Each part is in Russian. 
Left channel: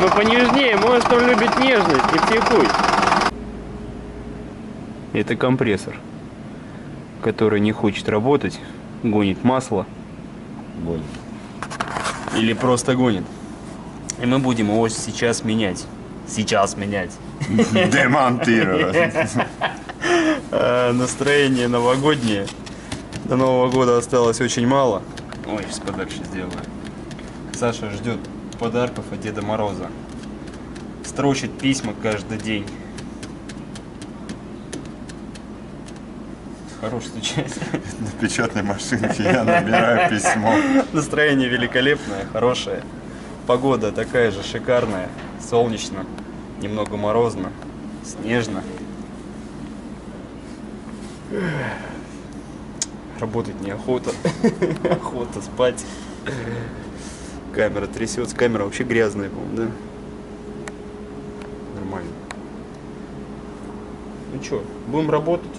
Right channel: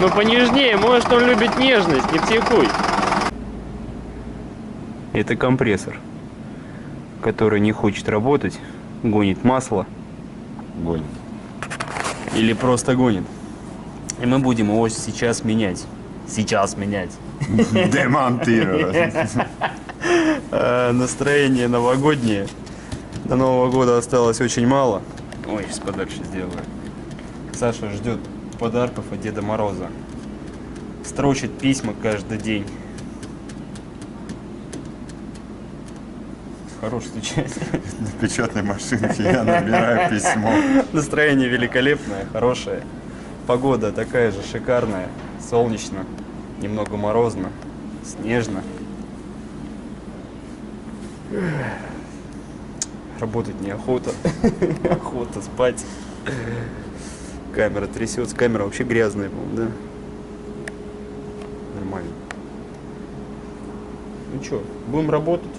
Ну понежнее, может он любит нежность, не психуй. Это компрессор, который не хочет работать, гонит масло. Гонит. Или просто гонит. И мы будем его сейчас менять. Сейчас менять. Демонтировать. Настроение новогоднее. До Нового года осталось очень мало. Ой, сейчас подальше сделаю. Саша ждет подарков от Деда Мороза. Строчит письма каждый день. Хорош стучать. На печатной машинке я набираю письмо. Настроение великолепное, хорошее. Погода такая же шикарная. Солнечно, немного морозно, снежно. Работать неохота. Охота спать. Камера трясется. Камера вообще грязная, по-моему, да? Нормально. Ну что, будем работать?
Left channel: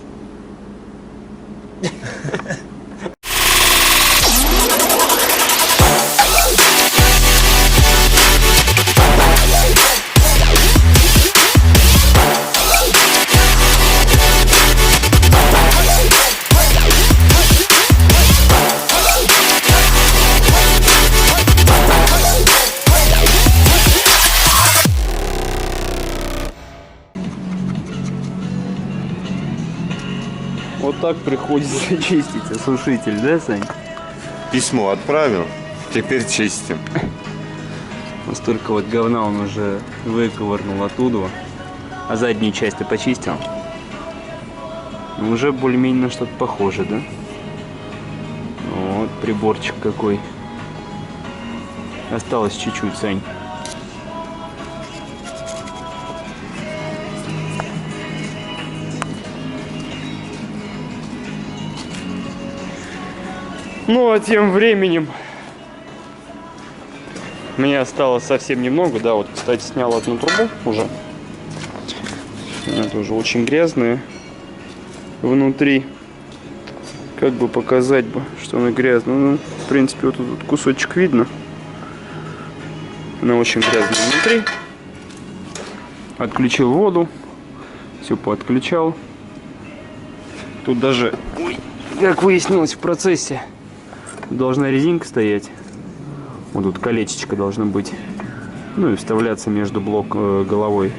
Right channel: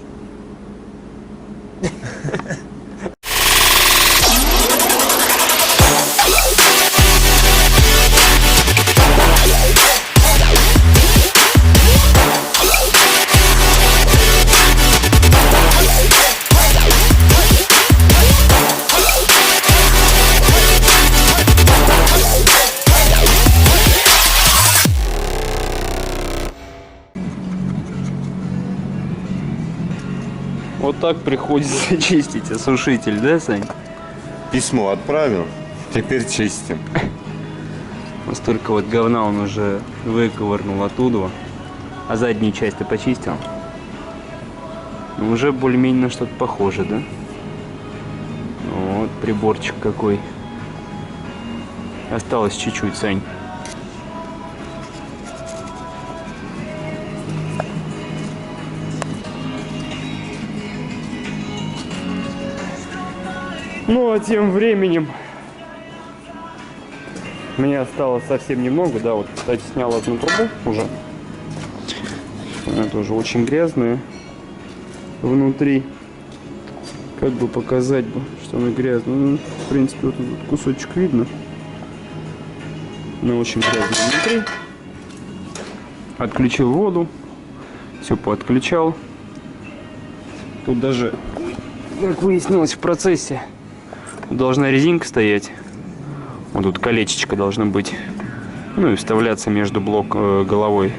Вот так приходится чистить осушитель, да, Сань? Письмо отправил, теперь чистим. Столько вот говна он уже выковырнул оттуда. А заднюю часть ты почистил? Ну, уже более-менее на что-то похоже, да? Вот приборчик какой. Осталось чуть-чуть, Сань. Ну, а тем временем мне осталось совсем немного, да, вот, кстати, снял одну трубу уже. Это уже очень грязная внутри. Как бы показать бы, что она грязная. Ну, в принципе, вот тут кусочек видно. Она очень грязная внутри. Отключил воду. Все поотключал. Тут даже, как выяснилось в процессе, должна резинка стоять. Вот тут колечечко должно быть. Ну и вставляться между головой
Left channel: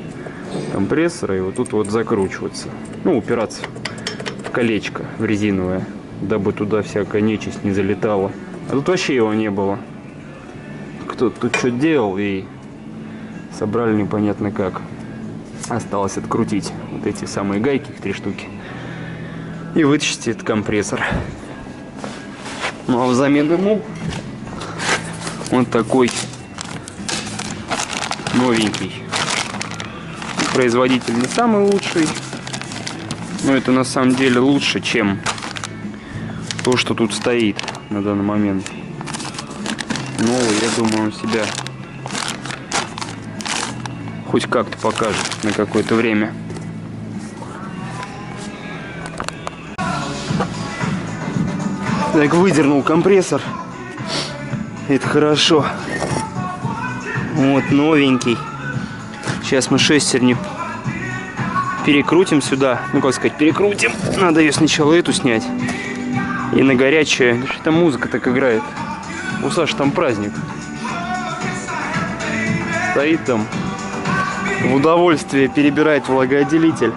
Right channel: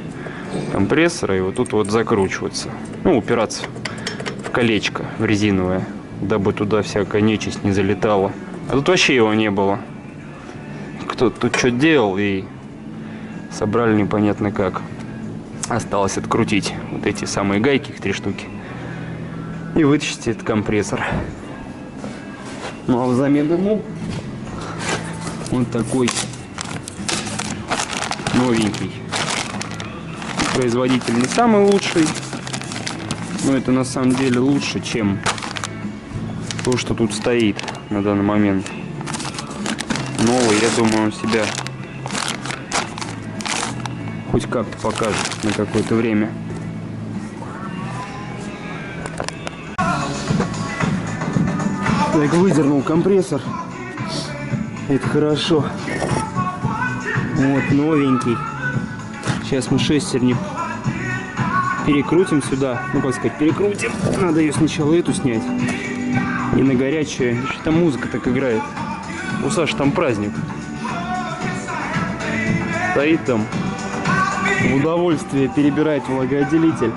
компрессора и вот тут вот закручиваться. Ну, упираться в колечко, в резиновое, дабы туда всякая нечисть не залетала. А тут вообще его не было. Кто-то тут что делал и собрали непонятно как. Осталось открутить вот эти самые гайки, их 3 штуки. И вытащить этот компрессор. Ну а взамен ему вот такой новенький. Производитель не самый лучший, но это на самом деле лучше, чем то, что тут стоит на данный момент. Новый, я думаю, он себя хоть как-то покажет на какое-то время. Так, выдернул компрессор. Это хорошо. Вот новенький. Сейчас мы шестерню перекрутим сюда. Ну, как сказать, перекрутим. Надо ее сначала эту снять. И на горячее. Там музыка так играет. У Саши там праздник. Стоит там. В удовольствие перебирает влагоотделитель.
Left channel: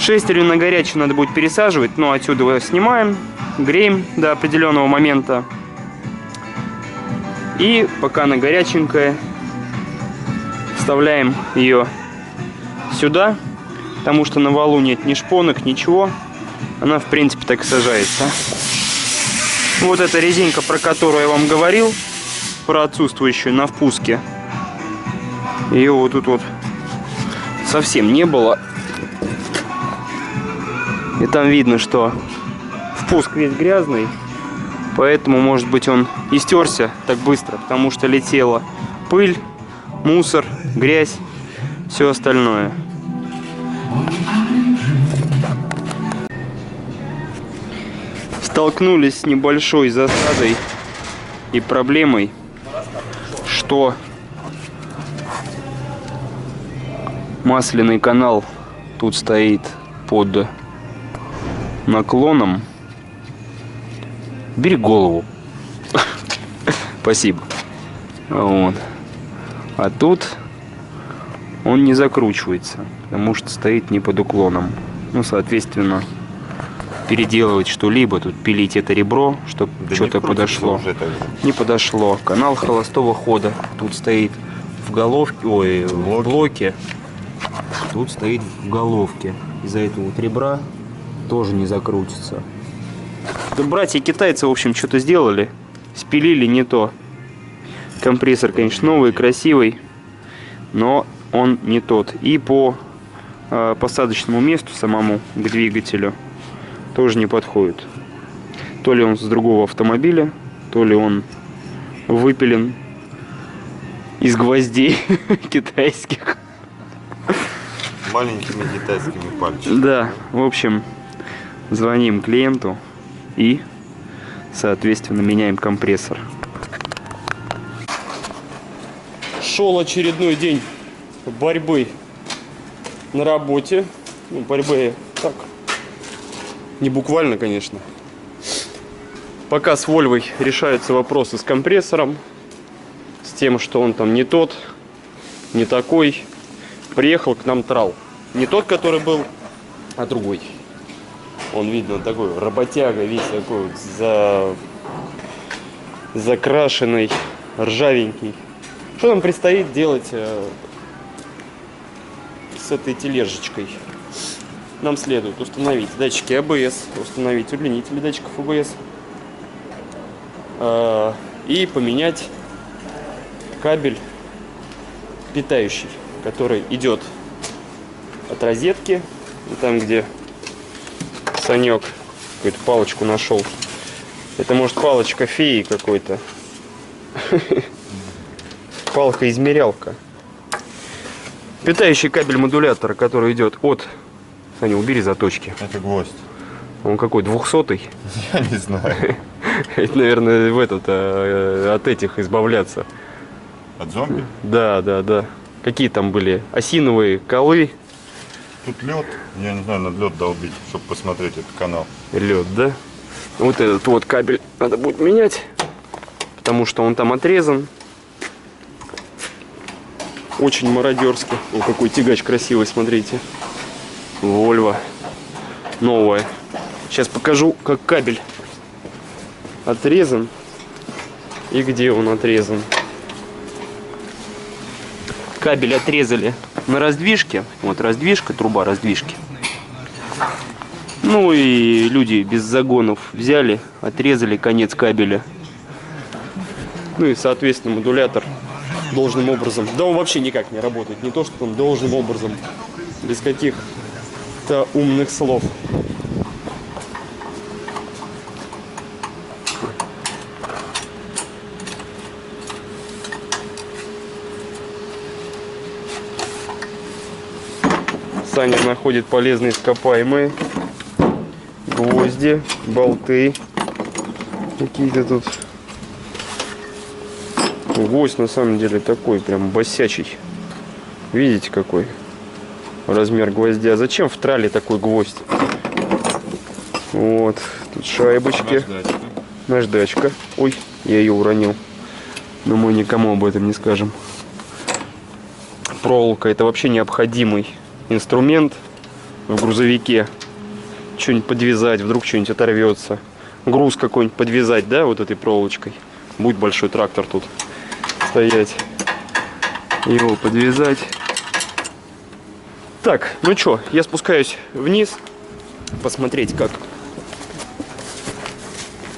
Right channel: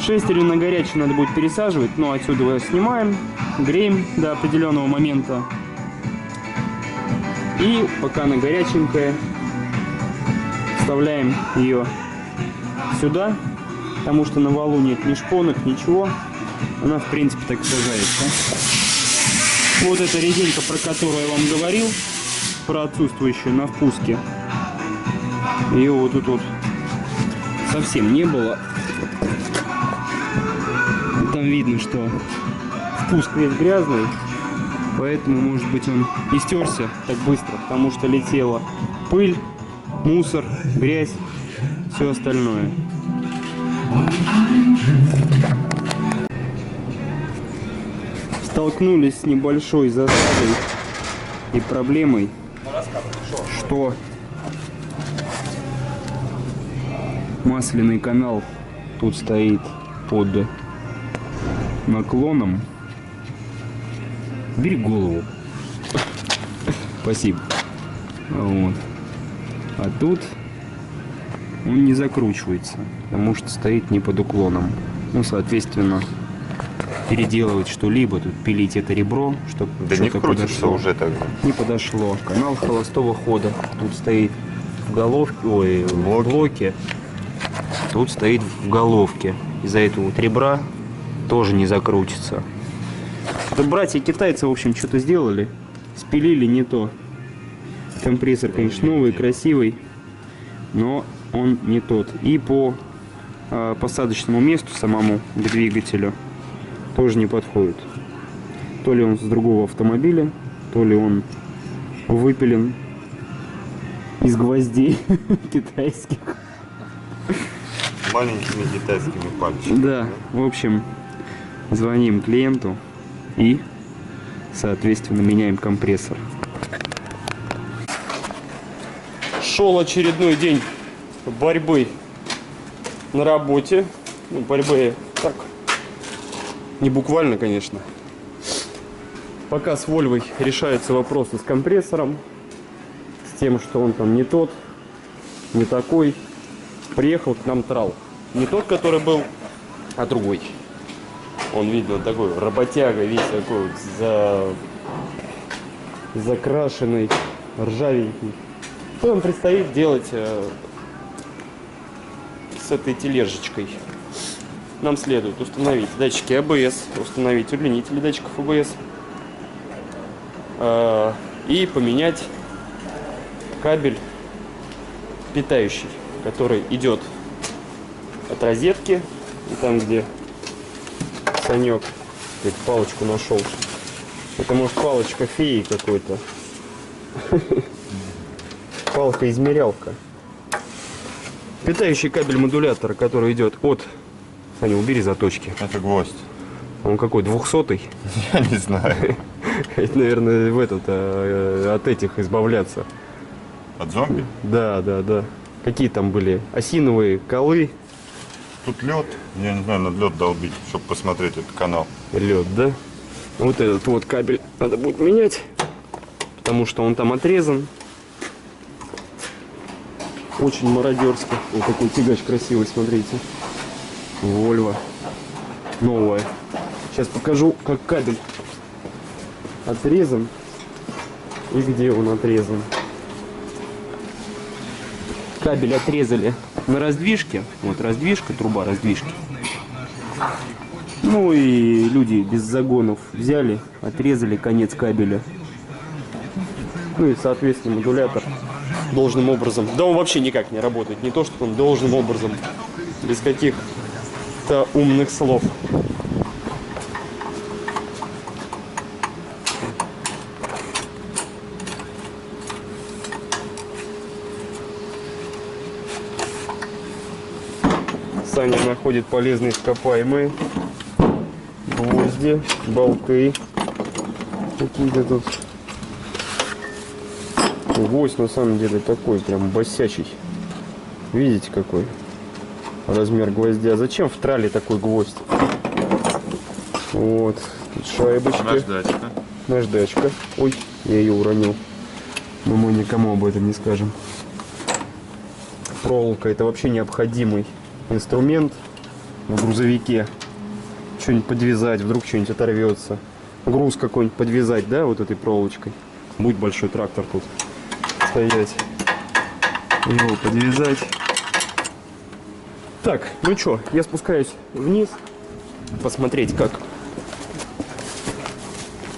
Шестерню на горячее надо будет пересаживать. Но отсюда его снимаем. Греем до определенного момента. И пока она горяченькая, вставляем ее сюда, потому что на валу нет ни шпонок, ничего. Она, в принципе, так и сажается. Вот эта резинка, про которую я вам говорил, про отсутствующую на впуске. Ее вот тут вот совсем не было. И там видно, что впуск весь грязный. Поэтому, может быть, он и стерся так быстро, потому что летела пыль, мусор, грязь, все остальное. Столкнулись с небольшой засадой и проблемой, что масляный канал тут стоит под наклоном. Бери голову. Спасибо. Вот. А тут он не закручивается, потому что стоит не под уклоном. Ну, соответственно, переделывать что-либо, тут пилить это ребро, чтобы Да что-то подошло. Уже так же. Не подошло. Канал холостого хода тут стоит в головке, ой, в блоке. Тут стоит в головке. Из-за этого вот ребра тоже не закрутится. Да братья китайцы, в общем, что-то сделали. Спилили не то. Компрессор, конечно, новый, красивый, но он не тот. И по посадочному месту самому к двигателю тоже не подходит. То ли он с другого автомобиля, то ли он выпилен из гвоздей китайских. Маленькими китайскими пальчиками. Да, в общем, звоним клиенту и, соответственно, меняем компрессор. Шел очередной день борьбы на работе. Ну, борьбы так, не буквально, конечно. Пока с Вольвой решаются вопросы с компрессором, с тем, что он там не тот, не такой. Приехал к нам трал. Не тот, который был, а другой. Он, видно, такой работяга, весь такой вот закрашенный, ржавенький. Что нам предстоит делать с этой тележечкой? Нам следует установить датчики АБС, установить удлинители датчиков АБС и поменять кабель питающий, который идет от розетки, и там, где Санек какую-то палочку нашел. Это может палочка феи какой-то. Палка-измерялка. Питающий кабель модулятора, который идет от... Саня, убери заточки. Это гвоздь. Он какой, 200-й? Я не знаю. Это, наверное, в этот, от этих избавляться. От зомби? Да, да, да. Какие там были? Осиновые колы. Тут лед. Я не знаю, надо лед долбить, чтобы посмотреть этот канал. Лед, да? Вот этот вот кабель надо будет менять, потому что он там отрезан. Очень мародерский. О, какой тягач красивый, смотрите. Вольво. Новая. Сейчас покажу, как кабель отрезан и где он отрезан. Кабель отрезали на раздвижке. Вот раздвижка, труба раздвижки. Ну и люди без загонов взяли, отрезали конец кабеля. Ну и, соответственно, модулятор должным образом... Да он вообще никак не работает. Не то, что он должным образом. Без каких-то умных слов. Саня находит полезные ископаемые. Гвозди, болты. Какие-то тут... Гвоздь на самом деле такой прям босячий. Видите, какой размер гвоздя? Зачем в трале такой гвоздь? Вот. Тут шайбочки. Наждачка. Наждачка. Ой, я ее уронил. Но мы никому об этом не скажем. Проволока — это вообще необходимый инструмент в грузовике. Что-нибудь подвязать, вдруг что-нибудь оторвется. Груз какой-нибудь подвязать, да, вот этой проволочкой. Будет большой трактор тут стоять. Его подвязать. Так, ну что, я спускаюсь вниз. Посмотреть,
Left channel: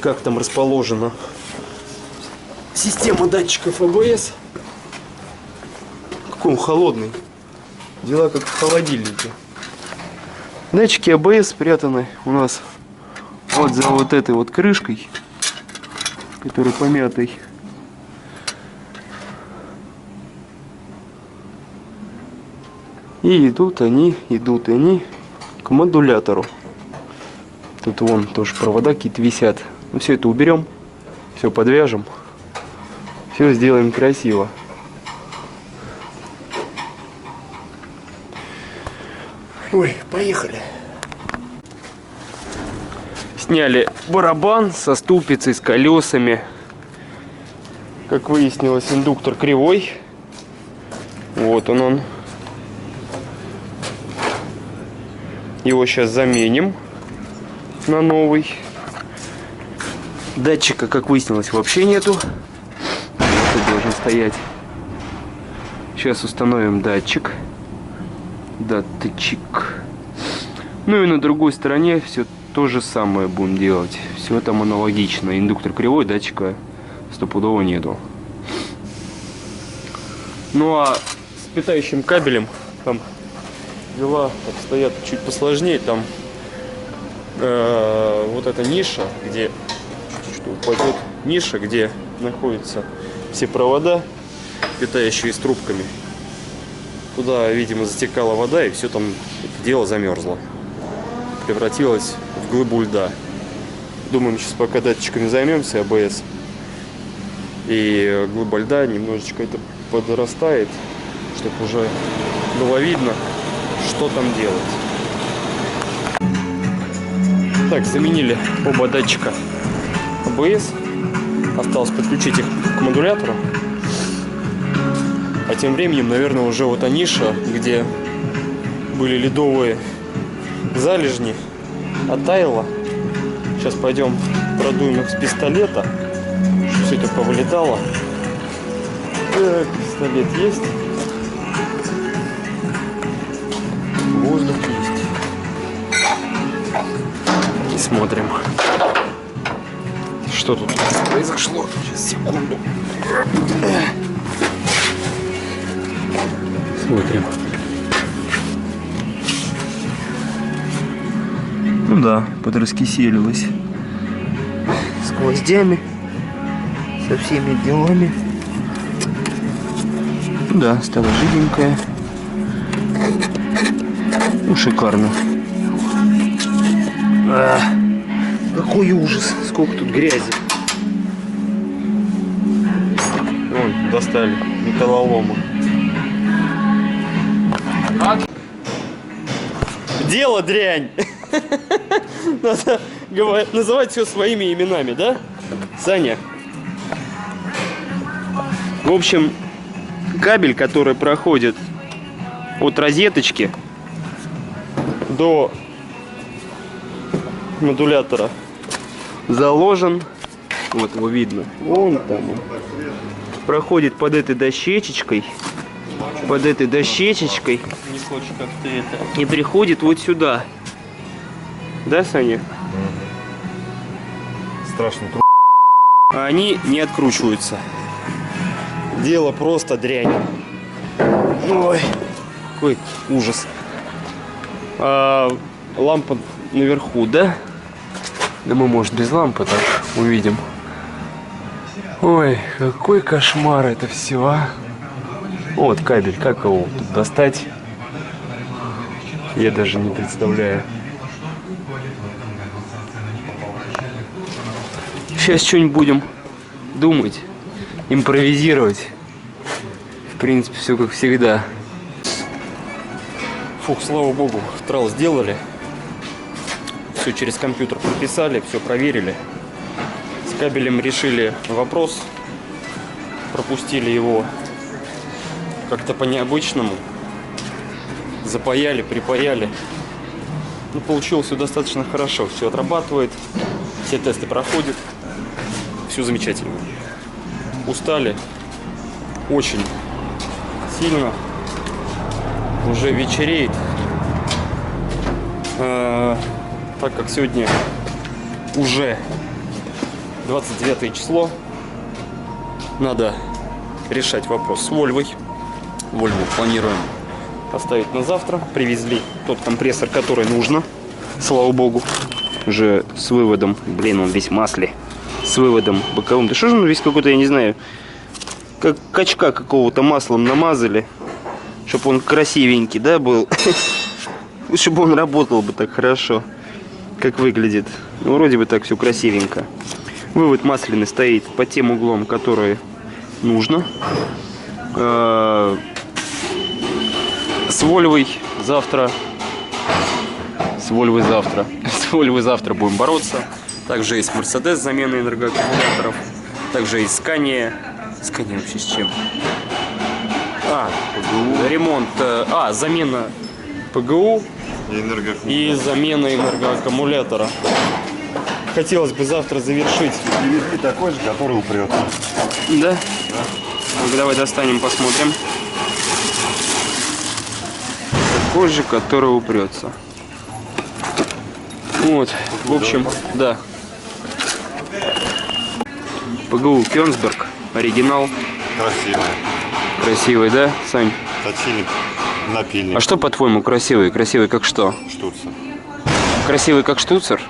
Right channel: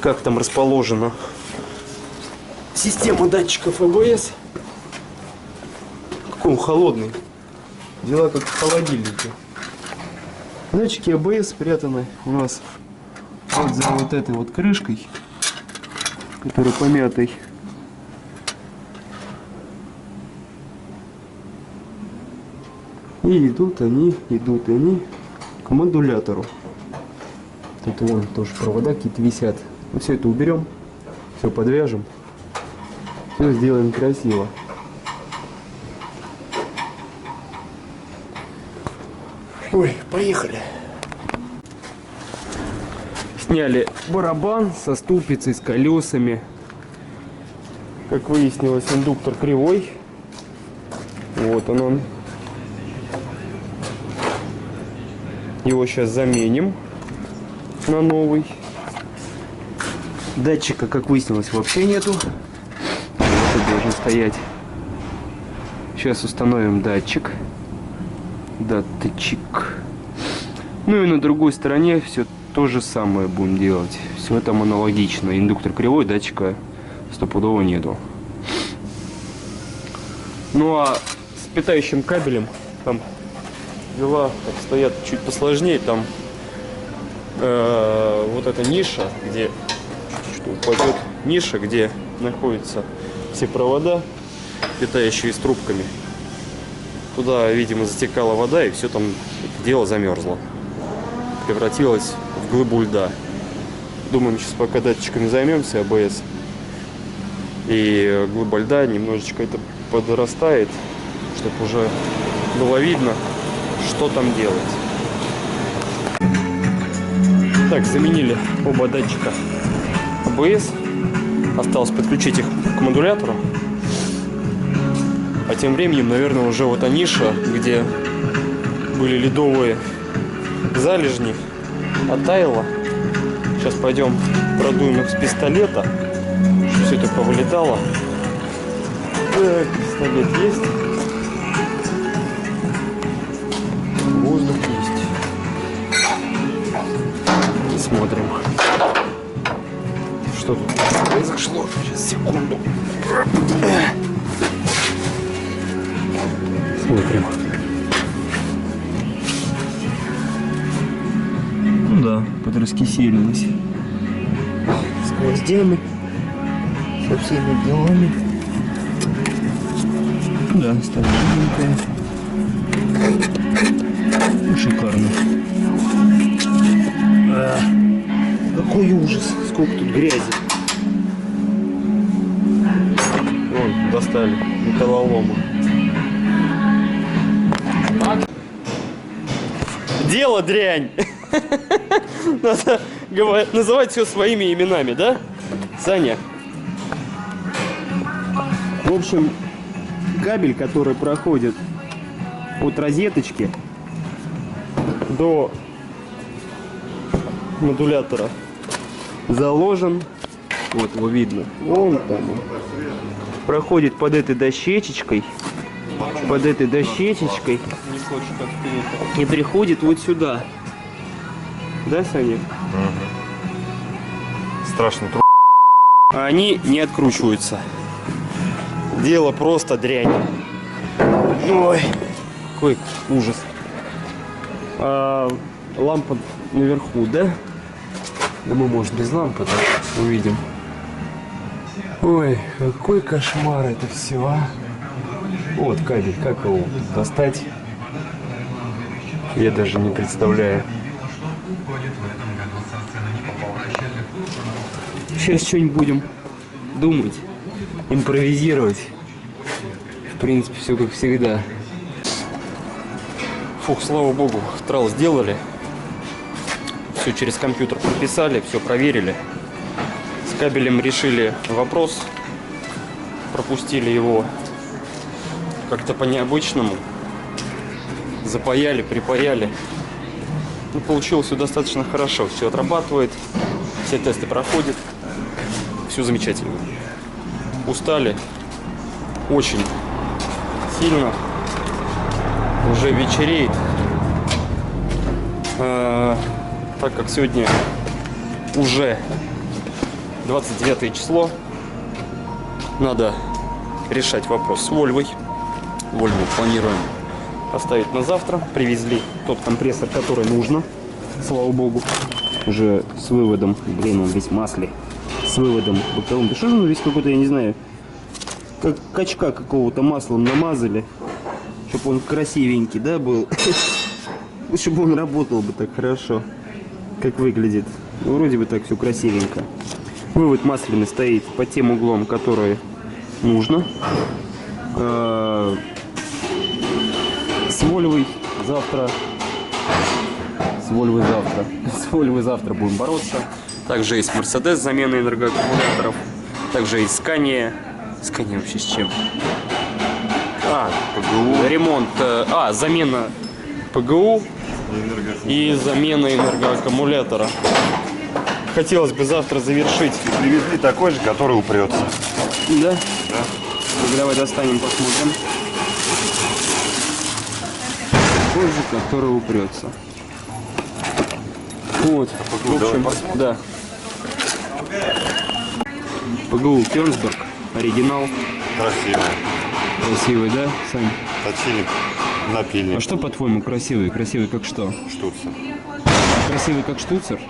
как там расположена система датчиков АБС. Какой он холодный. Дела как в холодильнике. Датчики АБС спрятаны у нас вот за вот этой вот крышкой, которая помятой. И идут они к модулятору. Тут вон тоже провода какие-то висят. Мы все это уберем, все подвяжем, все сделаем красиво. Ой, поехали. Сняли барабан со ступицей, с колесами. Как выяснилось, индуктор кривой. Вот он. Его сейчас заменим на новый. Датчика, как выяснилось, вообще нету. Вот должен стоять. Сейчас установим датчик. Датчик. Ну и на другой стороне все то же самое будем делать. Все там аналогично. Индуктор кривой, датчика стопудово нету. Ну а с питающим кабелем там дела обстоят чуть посложнее. Там вот эта ниша, где что упадет, ниша, где находятся все провода, питающие с трубками. Туда, видимо, затекала вода, и все там это дело замерзло. Превратилось в глыбу льда. Думаем, сейчас пока датчиками займемся, АБС, и глыба льда немножечко это подрастает, чтобы уже было видно, что там делать. Так, заменили оба датчика АБС. Осталось подключить их к модулятору. А тем временем, наверное, уже вот ниша, где были ледовые залежни, оттаяла. Сейчас пойдем продуем их с пистолета, чтобы все это повылетало. Так, пистолет есть. Воздух есть. И смотрим, что тут произошло. Сейчас, секунду. Смотрим. Ну да, подраскиселилось. С гвоздями. Со всеми делами. Да, стала жиденькая. Ну, шикарно. Какой ужас. Сколько тут грязи. Вон, достали металлолома. Дело дрянь. Надо называть все своими именами, да, Саня? В общем, кабель, который проходит от розеточки до модулятора, заложен. Вот его видно. Вон там он. Проходит под этой дощечечкой. Под этой дощечечкой. Не хочешь, как ты это. И приходит вот сюда. Да, Саня? Страшно. А они не откручиваются. Дело просто дрянь. Ой, какой ужас. Лампа наверху, да? Да мы, может, без лампы так увидим. Ой, какой кошмар это все, а. Вот кабель, как его тут достать? Я даже не представляю. Сейчас что-нибудь будем думать, импровизировать. В принципе, все как всегда. Фух, слава богу, трал сделали. Все через компьютер прописали, все проверили. С кабелем решили вопрос. Пропустили его как-то по-необычному. Запаяли, припаяли. Ну, получилось все достаточно хорошо. Все отрабатывает. Все тесты проходят. Все замечательно. Устали. Очень сильно. Уже вечереет. Так как сегодня уже 29 число, надо решать вопрос с Вольвой. Вольву планируем оставить на завтра. Привезли тот компрессор, который нужно. Слава богу. Уже с выводом. Блин, он весь в масле. С выводом боковым. Да что же он весь какой-то, я не знаю, как качка какого-то маслом намазали, Чтобы он красивенький, да, был. Чтобы он работал бы так хорошо, как выглядит. Ну, вроде бы так все красивенько. Вывод масляный стоит под тем углом, который нужно. С Вольвой завтра. С Вольвой завтра будем бороться. Также есть Мерседес с заменой энергоаккумуляторов. Также есть Скания. Скания вообще с чем? Ремонт. Замена ПГУ и замена энергоаккумулятора. Хотелось бы завтра завершить. Привезли такой же, который упрется. Да? Ну, давай достанем, посмотрим. Такой же, который упрется. Вот, в общем, да. ПГУ Кёнигсберг, оригинал. Красивая. Красивый, да, Сань? Точильник, напильник. А что, по-твоему, красивый? Красивый как что? Штуцер. Красивый как штуцер?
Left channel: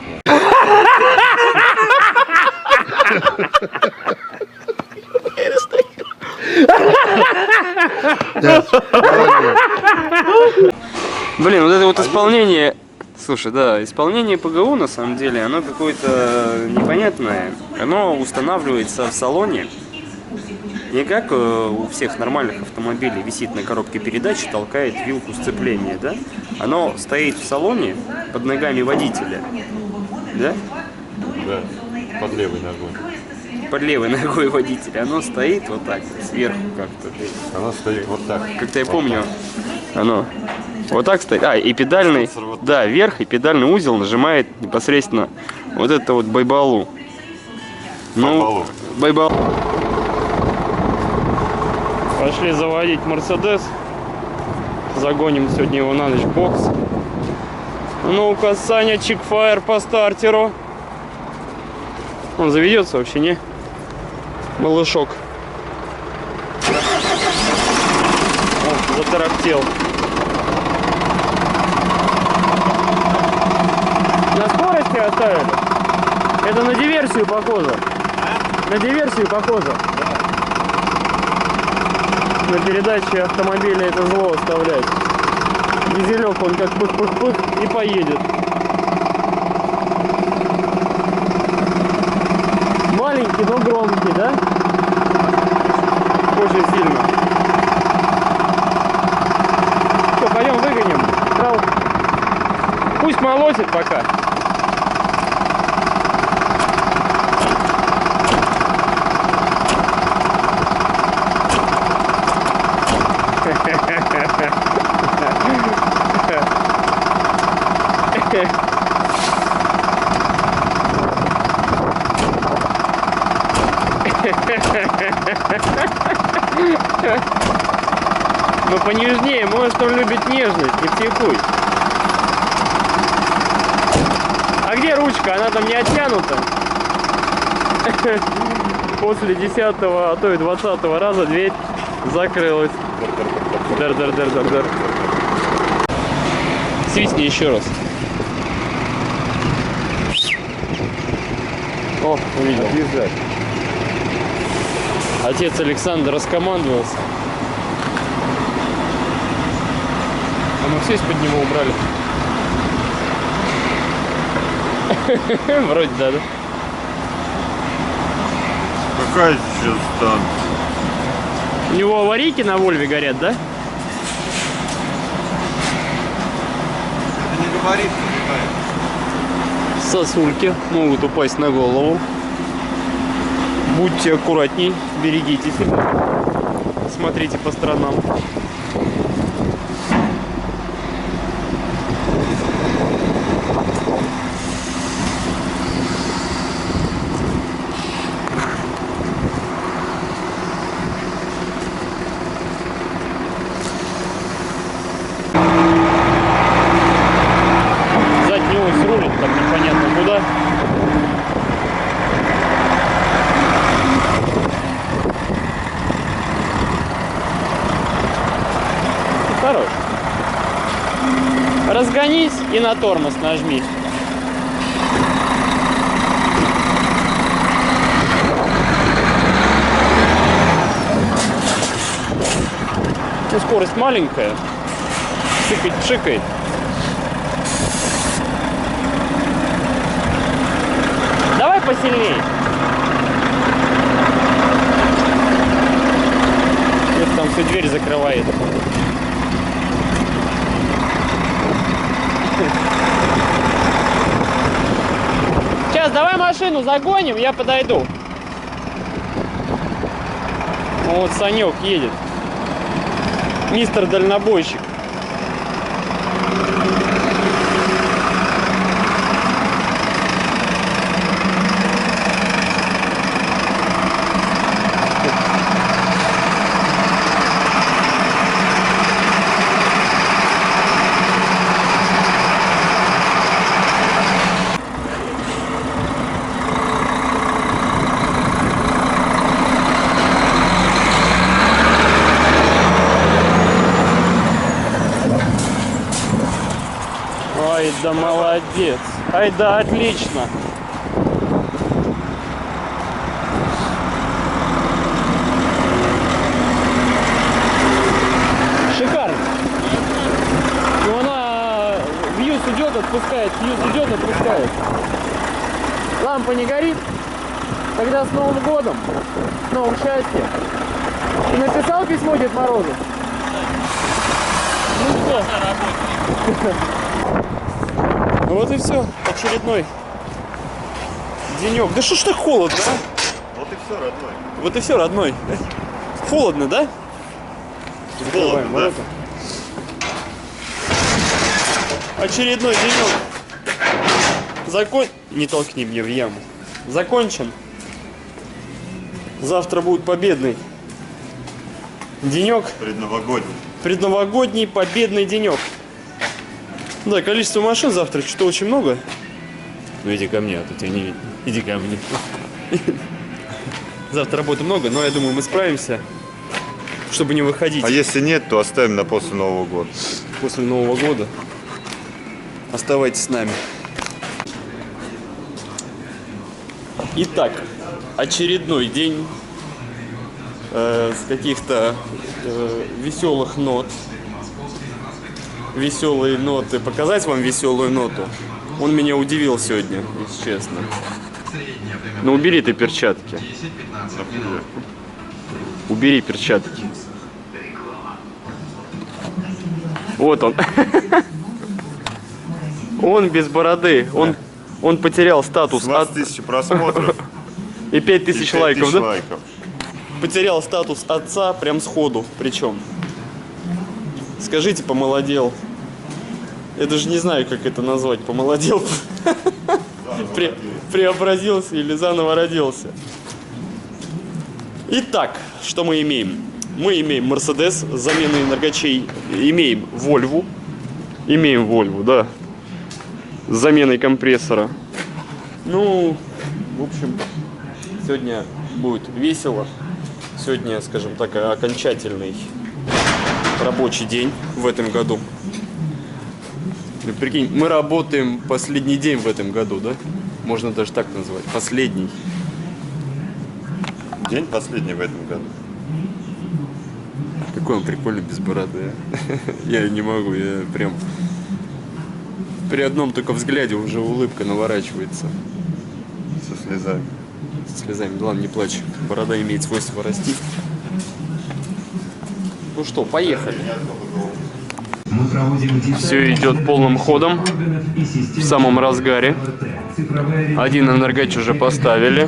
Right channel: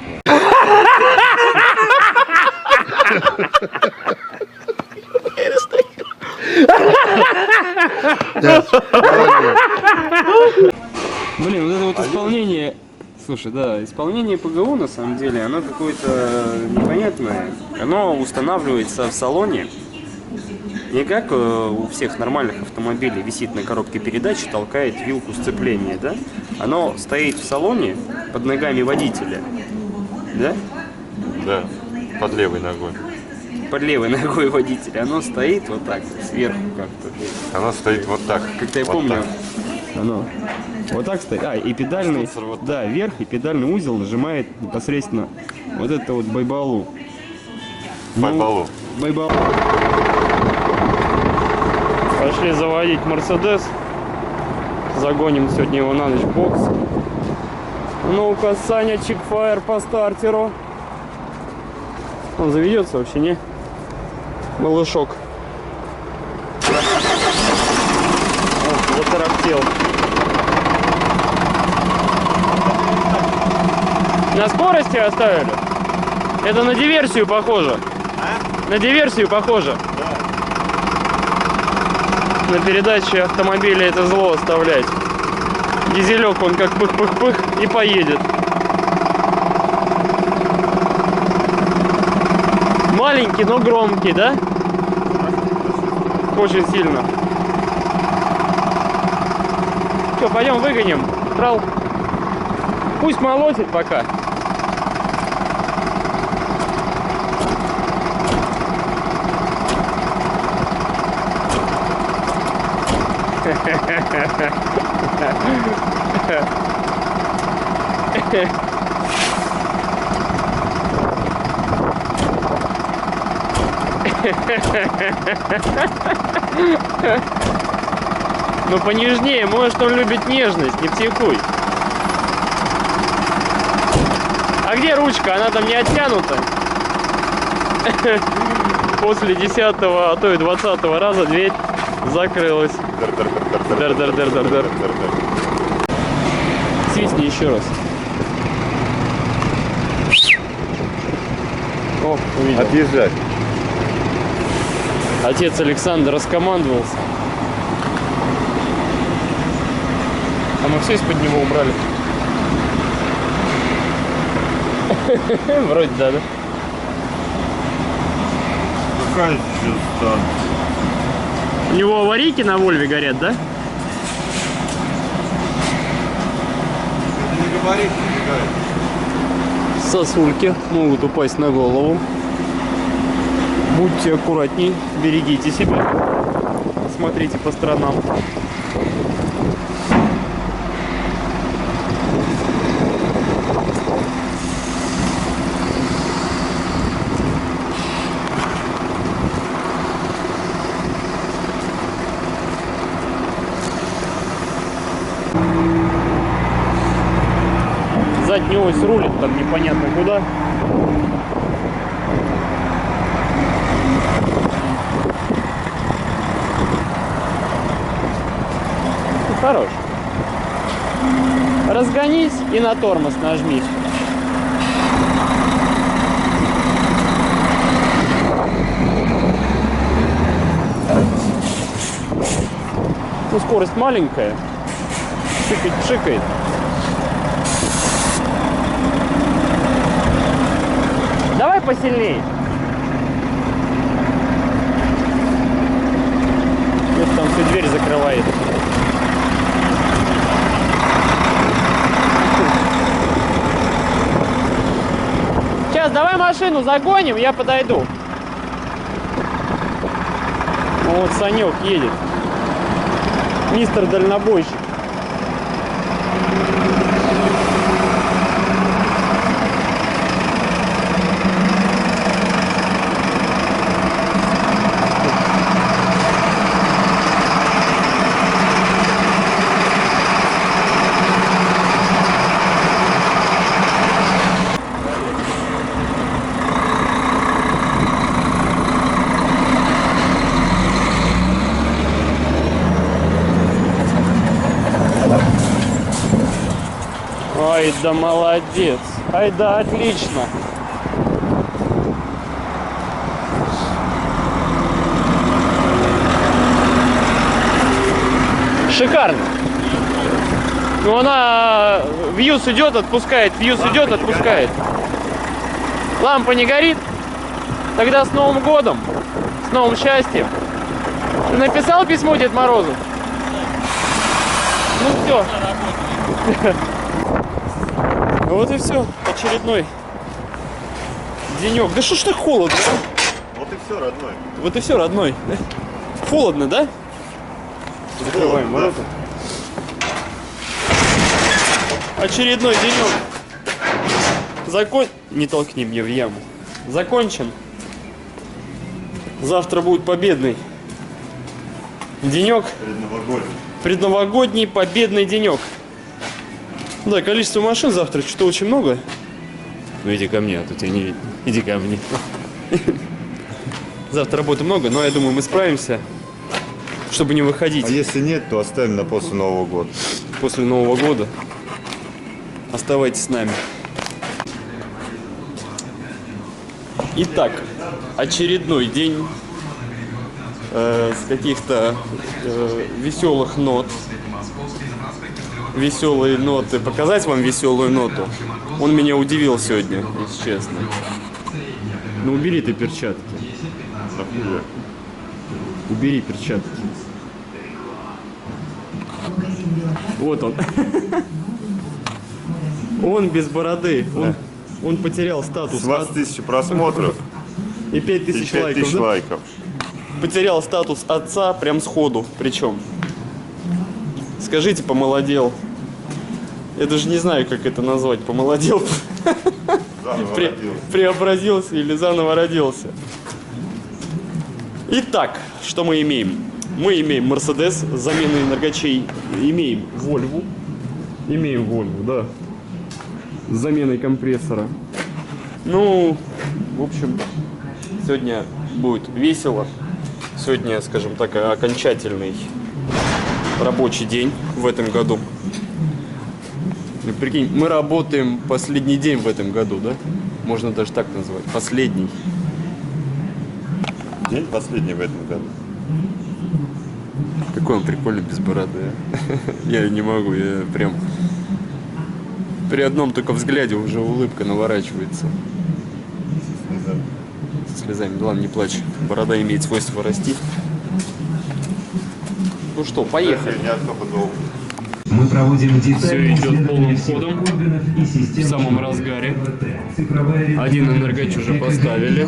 Блин, вот это вот исполнение... Слушай, да, исполнение ПГУ на самом деле, оно какое-то непонятное. Оно устанавливается в салоне. Не как у всех нормальных автомобилей висит на коробке передач и толкает вилку сцепления, да? Оно стоит в салоне под ногами водителя, да? Да, под левой ногой. Под левой ногой водителя. Оно стоит вот так, сверху как-то. Она стоит вот так. Как-то я Вот помню, так. оно вот так стоит. И педальный, Штуцер вот да, вверх, и педальный узел нажимает непосредственно вот это вот байбалу. Байбалу. Байбалу. Пошли заводить Мерседес. Загоним сегодня его на ночь в бокс. Ну-ка, Саня, чикфайр по стартеру. Он заведется вообще, не? Малышок. О, затарахтел. На скорости оставили? Это на диверсию похоже. На диверсию похоже. На передаче автомобиля это зло оставлять. Дизелек он как пых-пых-пых и поедет. Маленький, но громкий, да? Очень сильно. Что, пойдем выгоним? Трал. Пусть молотит пока. Ну понежнее, может он любит нежность, не психуй. А где ручка? Она там не оттянута. После 10-го, а то и 20-го раза дверь закрылась. Дар-дар-дар-дар-дар. Свистни еще раз. О, увидел. Отъезжать. Отец Александр раскомандовался. А мы все из-под него убрали. Вроде да, да? Какая сейчас там? У него аварийки на Вольве горят, да? Это не говорит, Сосульки могут упасть на голову. Будьте аккуратней, берегите себя. Смотрите по сторонам. Задний ось рулит там непонятно куда. Хорош. Разгонись и на тормоз нажми. Ну, скорость маленькая. Пшикает. Давай посильней. Это там всю дверь закрывает. Сейчас давай машину загоним, я подойду. Вот Санек едет. Мистер дальнобойщик. Ай да молодец. Ай да отлично. Шикарно. Ну она вьюз идет, отпускает, вьюз идет, отпускает. Лампа не горит. Тогда с Новым годом, с новым счастьем. Ты написал письмо Дед Морозу? Ну все. Вот и все. Очередной денек. Да что ж так холодно, а? Вот и все, родной. Вот и все, родной. Холодно, да? Закрываем ворота. Очередной денек. Не толкни мне в яму. Закончен. Завтра будет победный денек. Предновогодний. Предновогодний победный денек. Да, количество машин завтра что-то очень много. Ну иди ко мне, а то тебя не видно. Иди ко мне. Завтра работы много, но я думаю, мы справимся, чтобы не выходить. А если нет, то оставим на после Нового года. После Нового года. Оставайтесь с нами. Итак, очередной день с каких-то веселых нот. Веселые ноты. Показать вам веселую ноту? Он меня удивил сегодня, если честно. Ну убери ты перчатки. Убери перчатки. Вот он. Он без бороды. Он потерял статус. 20 тысяч просмотров И 5000 лайков, да? лайков. Потерял статус отца прям сходу. Причем. Скажите, помолодел. Я даже не знаю, как это назвать. Помолодел. Преобразился или заново родился. Итак, что мы имеем? Мы имеем Mercedes с заменой энергочей. Имеем Volvo. Имеем Volvo, да. С заменой компрессора. Ну, в общем, сегодня будет весело. Сегодня, скажем так, окончательный рабочий день в этом году. Прикинь, мы работаем последний день в этом году, да? Можно даже так назвать. Последний. День последний в этом году. Какой он прикольный без бороды. Я не могу, я прям... При одном только взгляде уже улыбка наворачивается. Со слезами. Со слезами. Да ладно, не плачь. Борода имеет свойство расти. Ну что, поехали. Мы проводим Все идет полным ходом, в самом разгаре. Один энергоч уже поставили.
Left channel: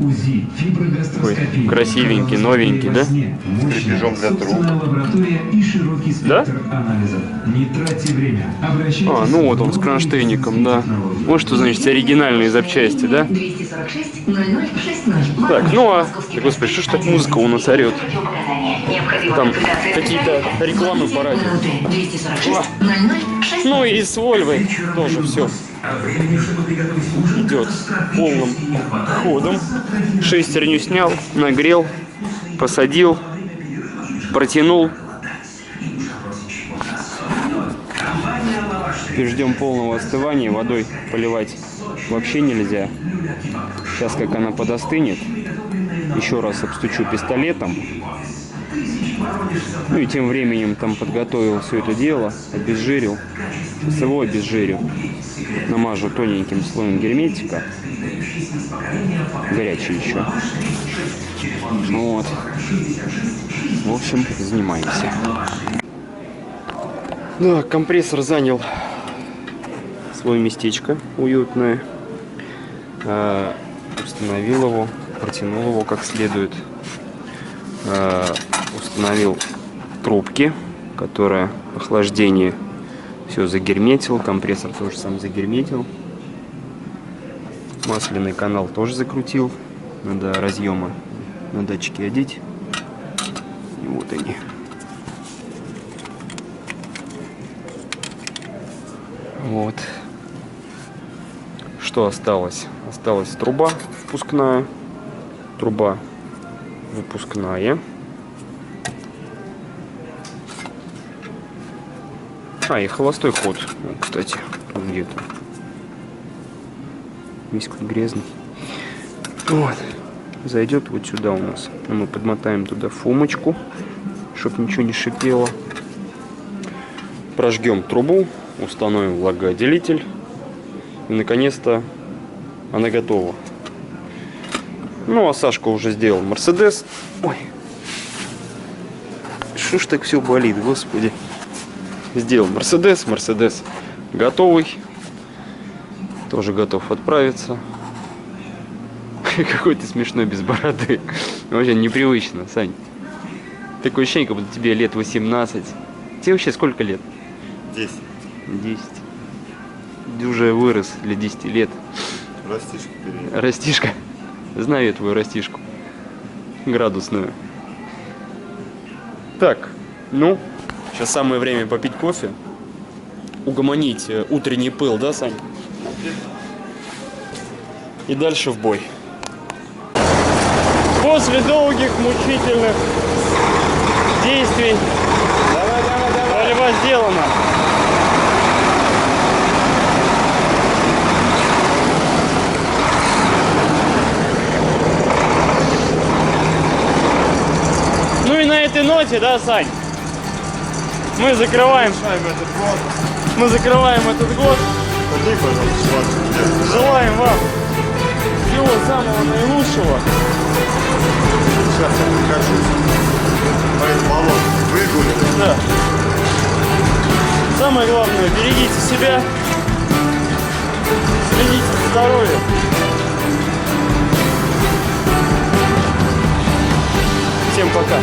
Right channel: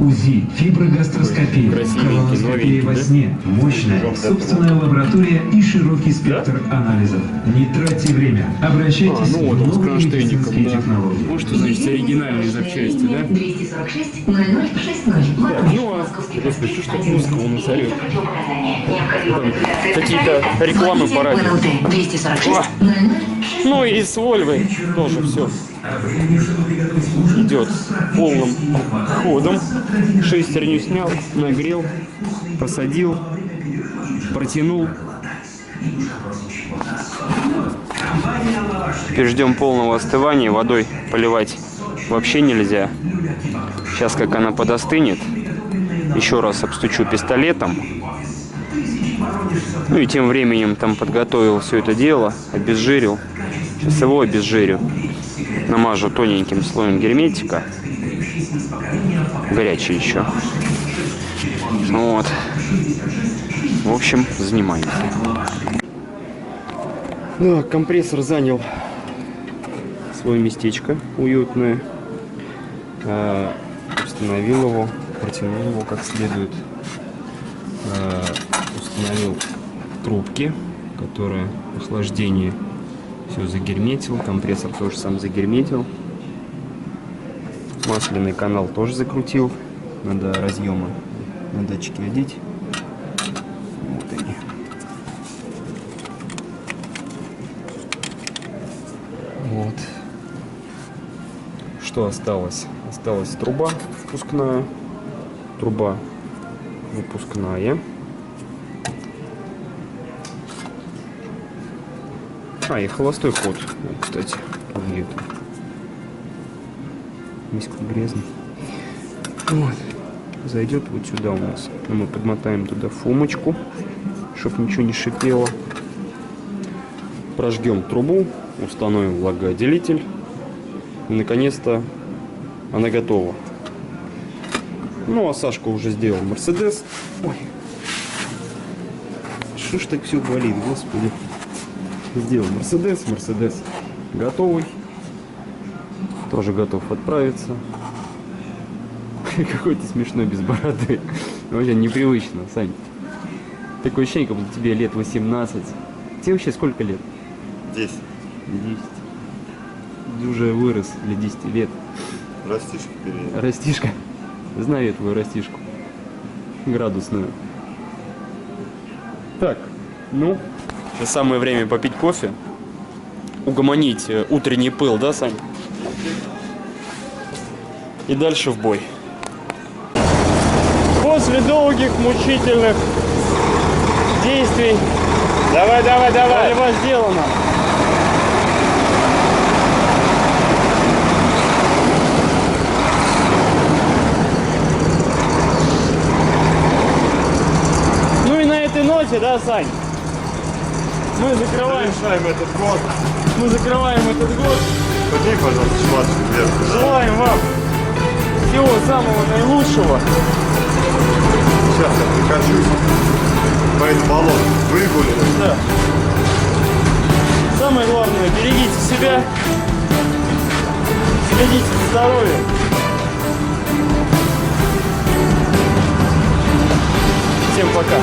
Ой, красивенький, новенький, да? Мощная собственная лаборатория и широкий спектр анализов. Не тратьте время. Обращайтесь. Ну вот он с кронштейником, да. Вот что значит оригинальные запчасти, да? 246 0060. Так, ну а... Господи, что ж так музыка у нас орет? Там какие-то рекламы по радио. 246 0060. Ну и с Вольвой тоже все идет полным ходом. Шестерню снял, нагрел, посадил, протянул. Теперь ждем полного остывания. Водой поливать вообще нельзя. Сейчас, как она подостынет, еще раз обстучу пистолетом. Ну и тем временем там подготовил все это дело, обезжирил. Сейчас его обезжирю. Намажу тоненьким слоем герметика. Горячий еще. Вот. В общем, занимаемся. Да, компрессор занял свое местечко уютное. Установил его, протянул его как следует. Установил трубки, которые охлаждение все загерметил. Компрессор тоже сам загерметил. Масляный канал тоже закрутил. Надо разъемы на датчики одеть. И вот они. Вот. Что осталось? Осталась труба впускная, труба выпускная. И холостой ход, кстати, где-то. Весь грязный. Вот. Зайдет вот сюда у нас. Мы подмотаем туда фумочку, чтобы ничего не шипело. Прожгем трубу, установим влагоотделитель. И наконец-то она готова. Ну, а Сашка уже сделал Мерседес. Ой. Что ж так все болит, господи. Сделал Мерседес. Мерседес готовый. Тоже готов отправиться. Какой ты смешной без бороды. Вообще непривычно, Сань. Такое ощущение, как будто тебе лет 18. Тебе вообще сколько лет? 10. 10. Ты уже вырос для 10 лет. Растишка перед. Растишка. Знаю я твою растишку. Градусную. Так, ну, сейчас самое время попить кофе. Угомонить утренний пыл, да, Сань? И дальше в бой. После долгих мучительных действий борьба сделана. Ну и на этой ноте, да, Сань, мы закрываем. Этот год. Мы закрываем этот год. Подними, пожалуйста, швачку вверх. Желаем вам всего самого наилучшего. Сейчас я прикачусь. По этому болоту выгулим. Да. Самое главное, берегите себя, следите за здоровьем. Всем пока.